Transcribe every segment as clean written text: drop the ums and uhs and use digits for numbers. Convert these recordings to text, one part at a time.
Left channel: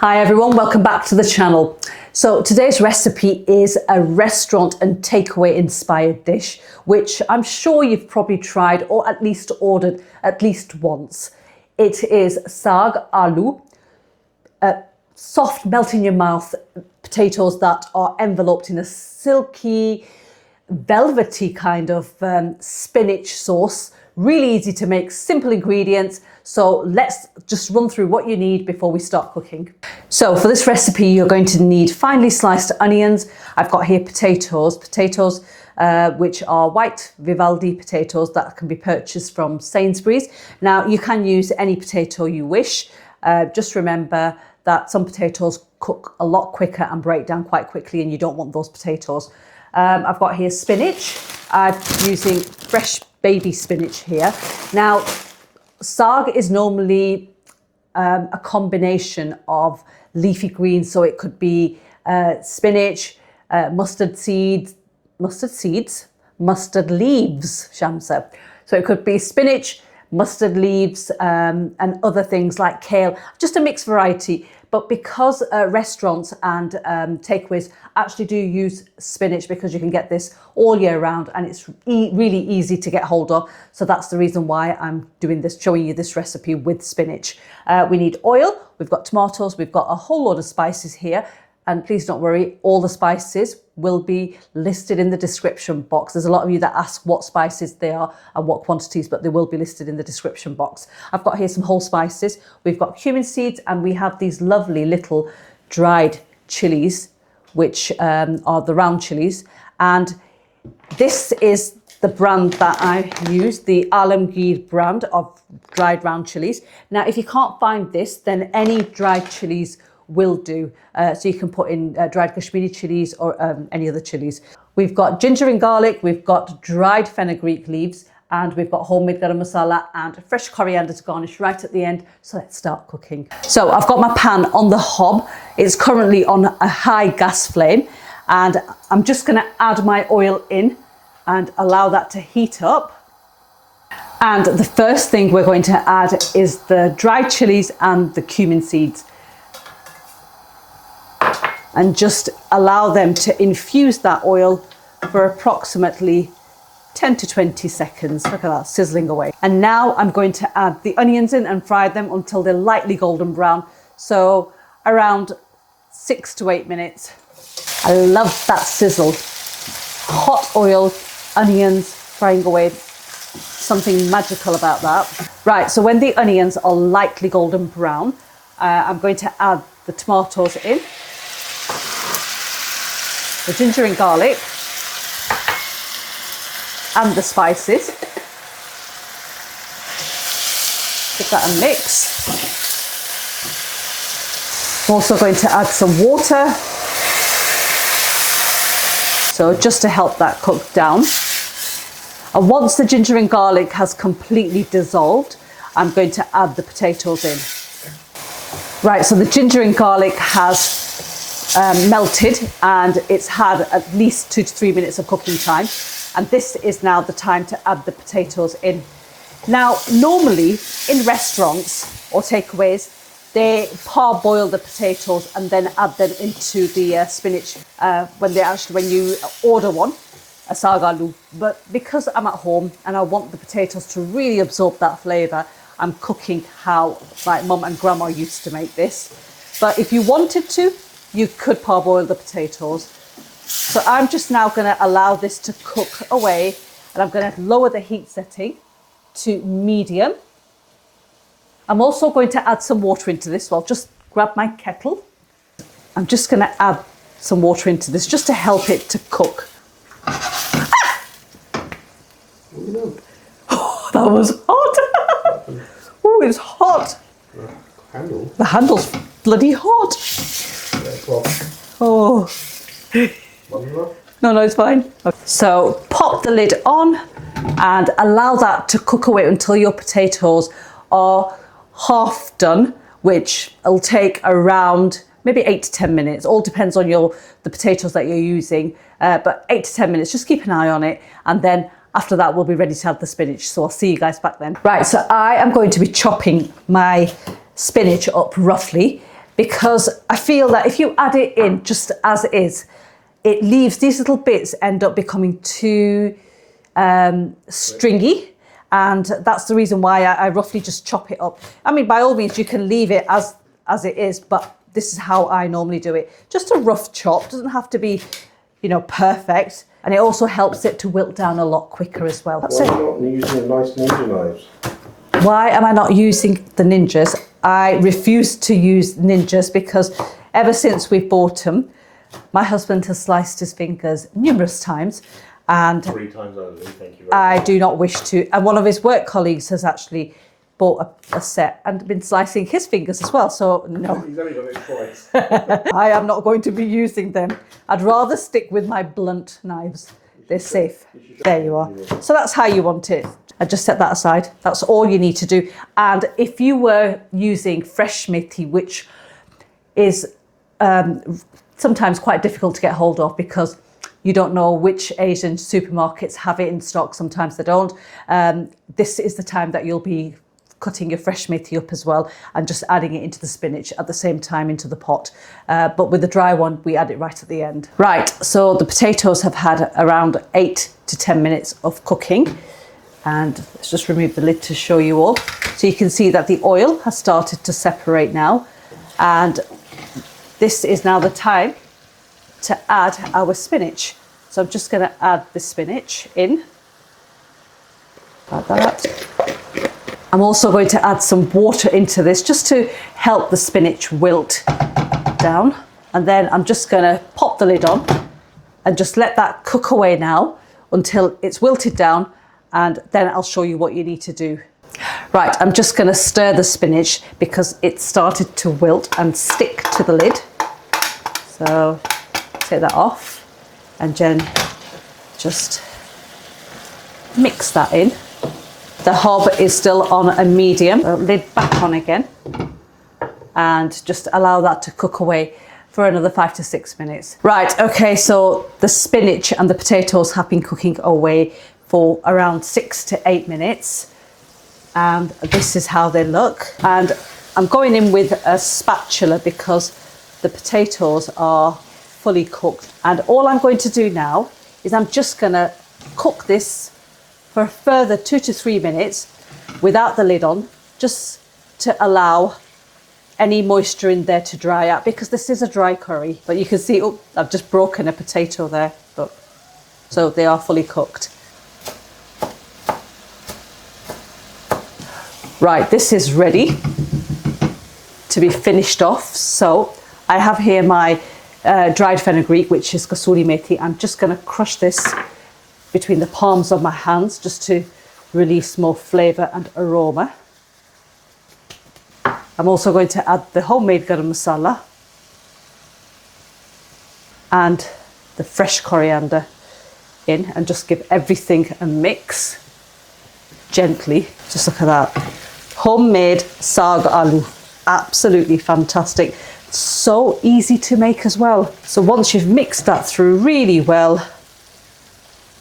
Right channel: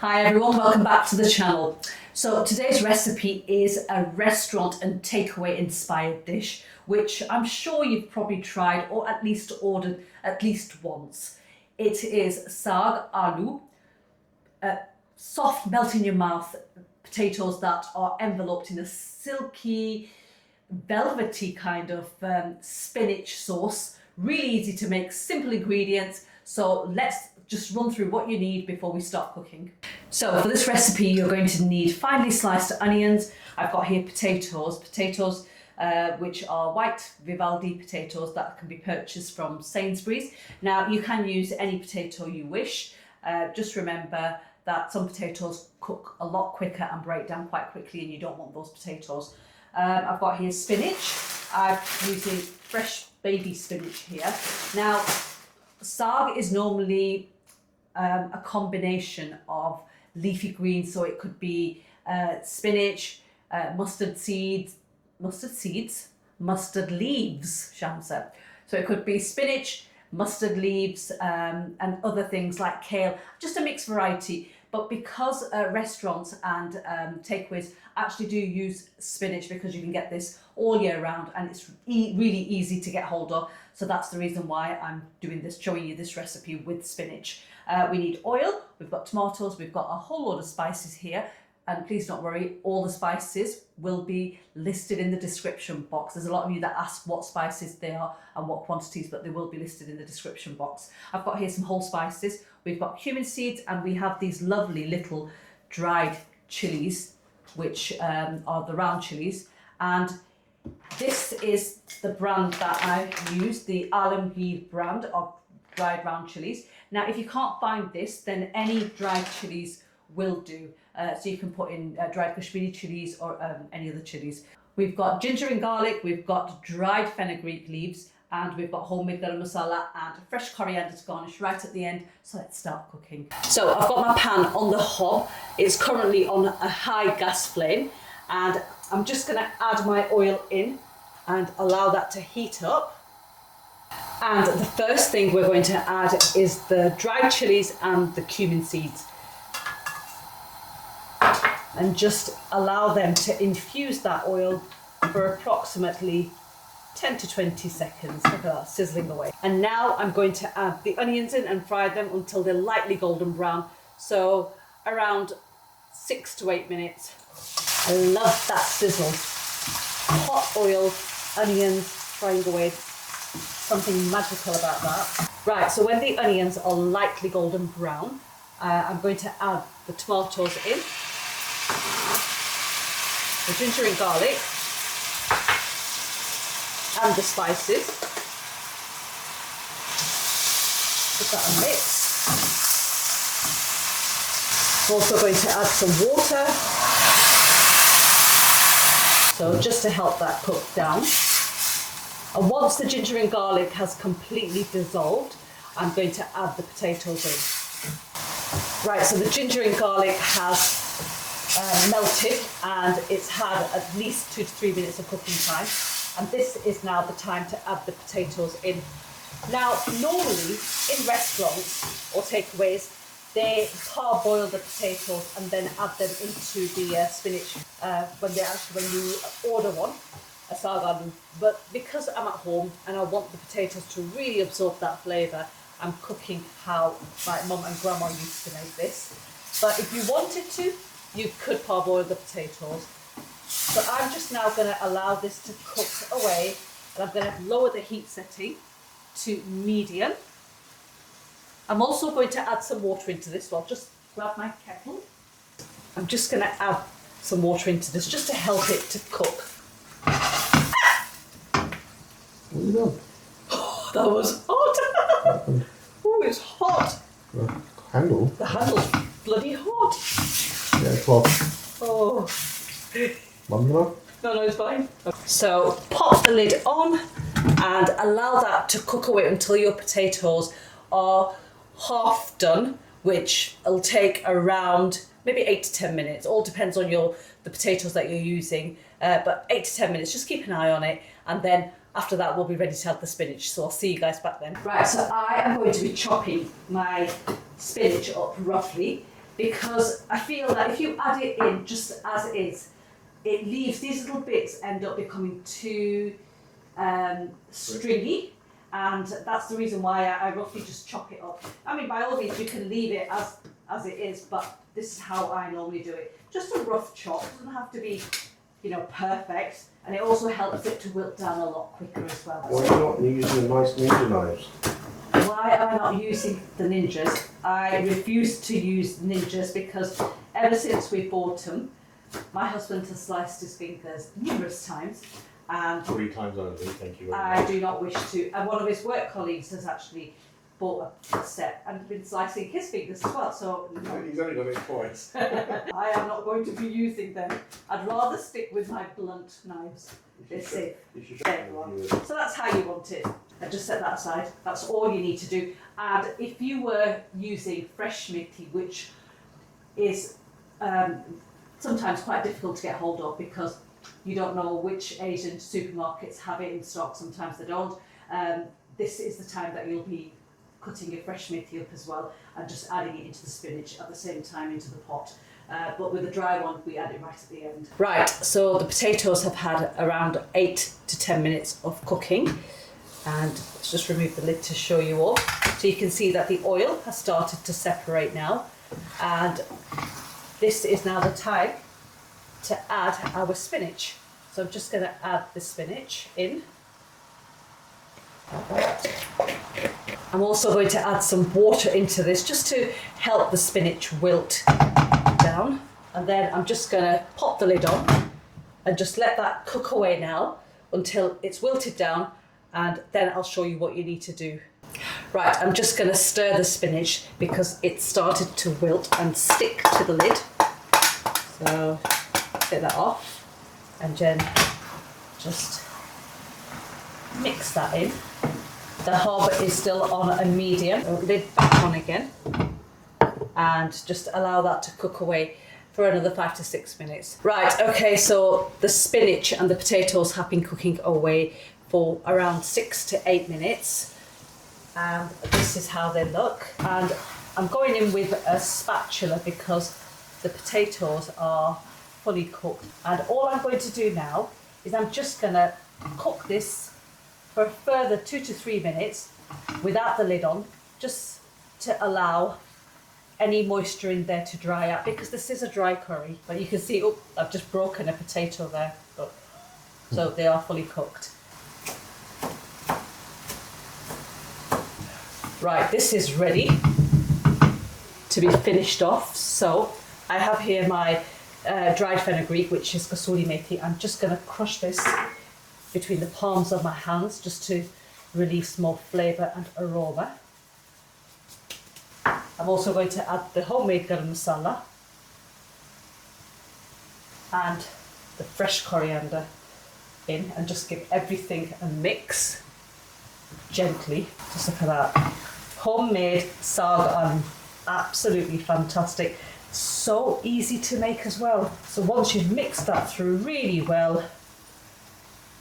Hi everyone, welcome back to the channel. So today's recipe is a restaurant and takeaway inspired dish, which I'm sure you've probably tried or at least ordered at least once. It is Saag Aloo, soft, melt in your mouth potatoes that are enveloped in a silky, velvety kind of spinach sauce. Really easy to make, simple ingredients. So let's just run through what you need before we start cooking. So for this recipe, you're going to need finely sliced onions. I've got here potatoes which are white vivaldi potatoes that can be purchased from Sainsbury's. Now you can use any potato you wish. Just remember that some potatoes cook a lot quicker and break down quite quickly, and you don't want those potatoes. I've got here spinach. I'm using fresh baby spinach here. Now, saag is normally a combination of leafy greens, so it could be spinach, mustard leaves, Shamsa. So it could be spinach, mustard leaves, and other things like kale, just a mixed variety. But because restaurants and takeaways actually do use spinach, because you can get this all year round and it's really easy to get hold of. So that's the reason why I'm doing this, showing you this recipe with spinach. We need oil, we've got tomatoes, we've got a whole lot of spices here. And please don't worry, all the spices will be listed in the description box. There's a lot of you that ask what spices they are and what quantities, but they will be listed in the description box. I've got here some whole spices. We've got cumin seeds, and we have these lovely little dried chillies, which are the round chillies. And this is the brand that I use, the Alamgir brand of dried round chillies. Now, if you can't find this, then any dried chillies will do. So you can put in dried Kashmiri chillies or any other chillies. We've got ginger and garlic, we've got dried fenugreek leaves, and we've got homemade garam masala and fresh coriander to garnish right at the end. So let's start cooking. So I've got my pan on the hob. It's currently on a high gas flame, and I'm just gonna add my oil in and allow that to heat up. And the first thing we're going to add is the dried chilies and the cumin seeds, and just allow them to infuse that oil for approximately 10 to 20 seconds. Look at that, sizzling away. And now I'm going to add the onions in and fry them until they're lightly golden brown. So around 6 to 8 minutes. I love that sizzle. Hot oil, onions frying away. Something magical about that. Right, so when the onions are lightly golden brown, I'm going to add the tomatoes in, the ginger and garlic, and the spices. Give that a mix. I'm also going to add some water, so just to help that cook down. And once the ginger and garlic has completely dissolved, I'm going to add the potatoes in. Right, so the ginger and garlic has melted, and it's had at least 2 to 3 minutes of cooking time. And this is now the time to add the potatoes in. Now, normally in restaurants or takeaways, they parboil the potatoes and then add them into the spinach when you order one, a saag aloo. But because I'm at home and I want the potatoes to really absorb that flavour, I'm cooking how my mum and grandma used to make this. But if you wanted to, you could parboil the potatoes. So I'm just now going to allow this to cook away, and I'm going to lower the heat setting to medium. I'm also going to add some water into this. So I'll just grab my kettle. I'm just going to add some water into this just to help it to cook. Oh, that was hot. Oh, it was hot. Handle? The handle's bloody hot. Oh. No, it's fine. Okay. So pop the lid on and allow that to cook away until your potatoes are half done, which will take around maybe 8 to 10 minutes. All depends on the potatoes that you're using, but 8 to 10 minutes. Just keep an eye on it, and then after that we'll be ready to add the spinach. So I'll see you guys back then. Right, so I am going to be chopping my spinach up roughly. because I feel that if you add it in just as it is, it leaves these little bits end up becoming too stringy. And that's the reason why I roughly just chop it up. I mean, by all means, you can leave it as it is, but this is how I normally do it. Just a rough chop, doesn't have to be, you know, perfect. And it also helps it to wilt down a lot quicker as well. That's it. Why are you not using nice ninja knives? Why am I not using the ninjas? I refuse to use ninjas because ever since we bought them, my husband has sliced his fingers numerous times. And 3 times only, thank you very I much. do not wish to. And one of his work colleagues has actually bought a set and been slicing his fingers as well. So no, He's only got it twice. I am not going to be using them. I'd rather stick with my blunt knives. They're safe. There you are. So that's how you want it. I just set that aside. That's all you need to do. And if you were using fresh methi, which is sometimes quite difficult to get hold of because you don't know which Asian supermarkets have it in stock. Sometimes they don't. This is the time that you'll be cutting your fresh methi up as well and just adding it into the spinach at the same time into the pot. But with the dry one, we add it right at the end. Right, so the potatoes have had around 8 to 10 minutes of cooking. And let's just remove the lid to show you all. So you can see that the oil has started to separate now. And this is now the time to add our spinach. So I'm just going to add the spinach in. Like that. I'm also going to add some water into this just to help the spinach wilt down. And then I'm just going to pop the lid on and just let that cook away now until it's wilted down, and then I'll show you what you need to do. Right, I'm just going to stir the spinach because it started to wilt and stick to the lid. So take that off and then just mix that in. The hob is still on a medium. Lid back on again and just allow that to cook away for another 5 to 6 minutes. Right, okay, so the spinach and the potatoes have been cooking away for around 6 to 8 minutes. And this is how they look. And I'm going in with a spatula because the potatoes are fully cooked. And all I'm going to do now is I'm just gonna cook this for a further 2 to 3 minutes without the lid on, just to allow any moisture in there to dry out, because this is a dry curry. But you can see, oh, I've just broken a potato there, look. So they are fully cooked. Right, this is ready to be finished off. So I have here my dried fenugreek, which is kasuri methi. I'm just going to crush this between the palms of my hands just to release more flavour and aroma. I'm also going to add the homemade garam masala and the fresh coriander in and just give everything a mix gently. Just look at that. Homemade saag aloo. Absolutely fantastic. So easy to make as well. So once you've mixed that through really well,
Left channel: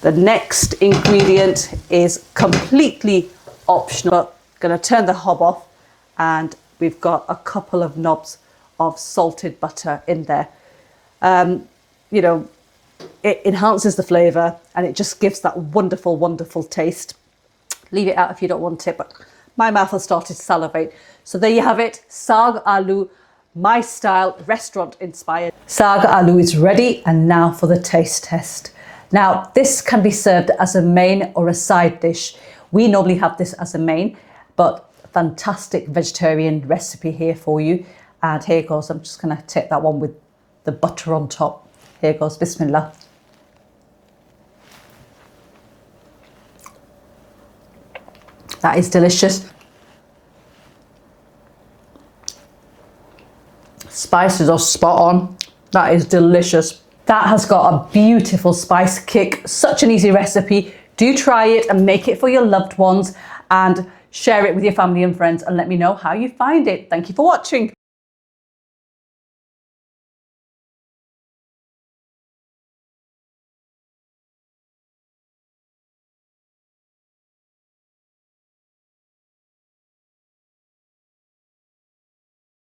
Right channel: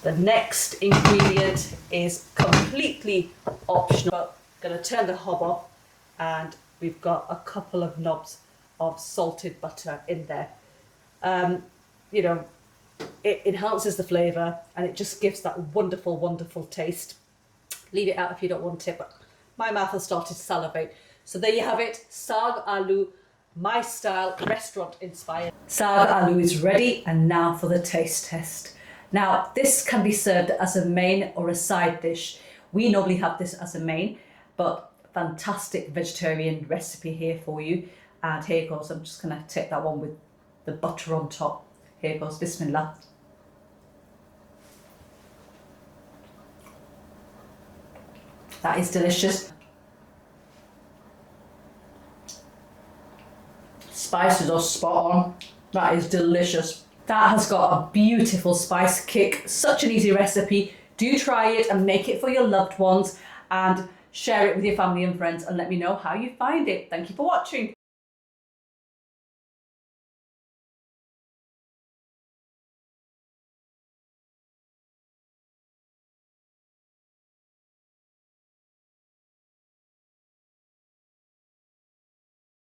the next ingredient is completely optional. But I'm going to turn the hob off, and we've got a couple of knobs of salted butter in there. You know, it enhances the flavour and it just gives that wonderful, wonderful taste. Leave it out if you don't want it, but my mouth has started to salivate. So there you have it, Saag Aloo, my style, restaurant inspired. Saag Aloo is ready, and now for the taste test. Now, this can be served as a main or a side dish. We normally have this as a main, but fantastic vegetarian recipe here for you. And here goes. I'm just going to take that one with the butter on top. Here goes. Bismillah. That is delicious. Spices are spot on. That is delicious. That has got a beautiful spice kick. Such an easy recipe. Do try it and make it for your loved ones and share it with your family and friends and let me know how you find it. Thank you for watching.